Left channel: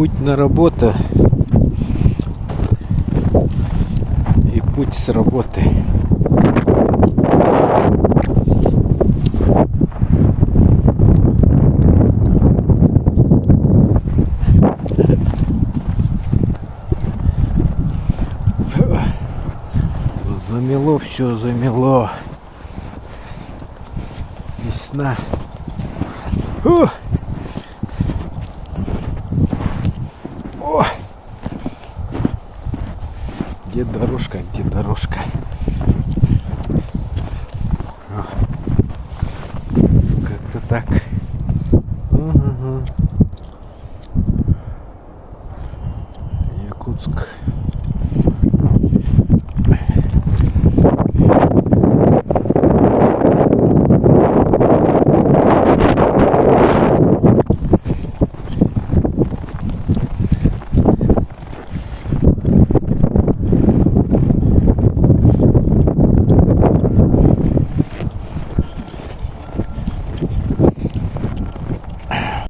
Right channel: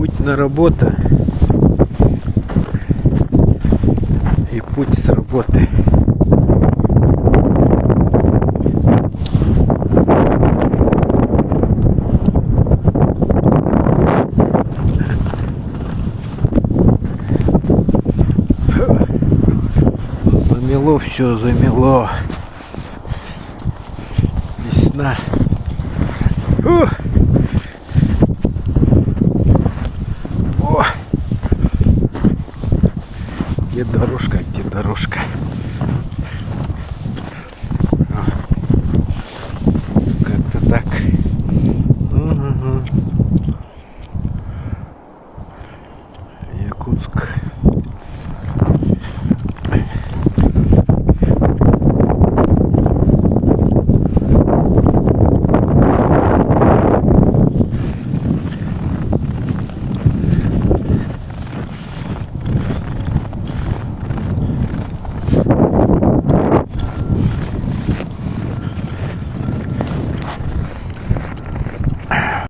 Путь на работу и путь с работы. Замело, все замело. Весна. О! Где дорожка, где дорожка? Как-то так. Угу.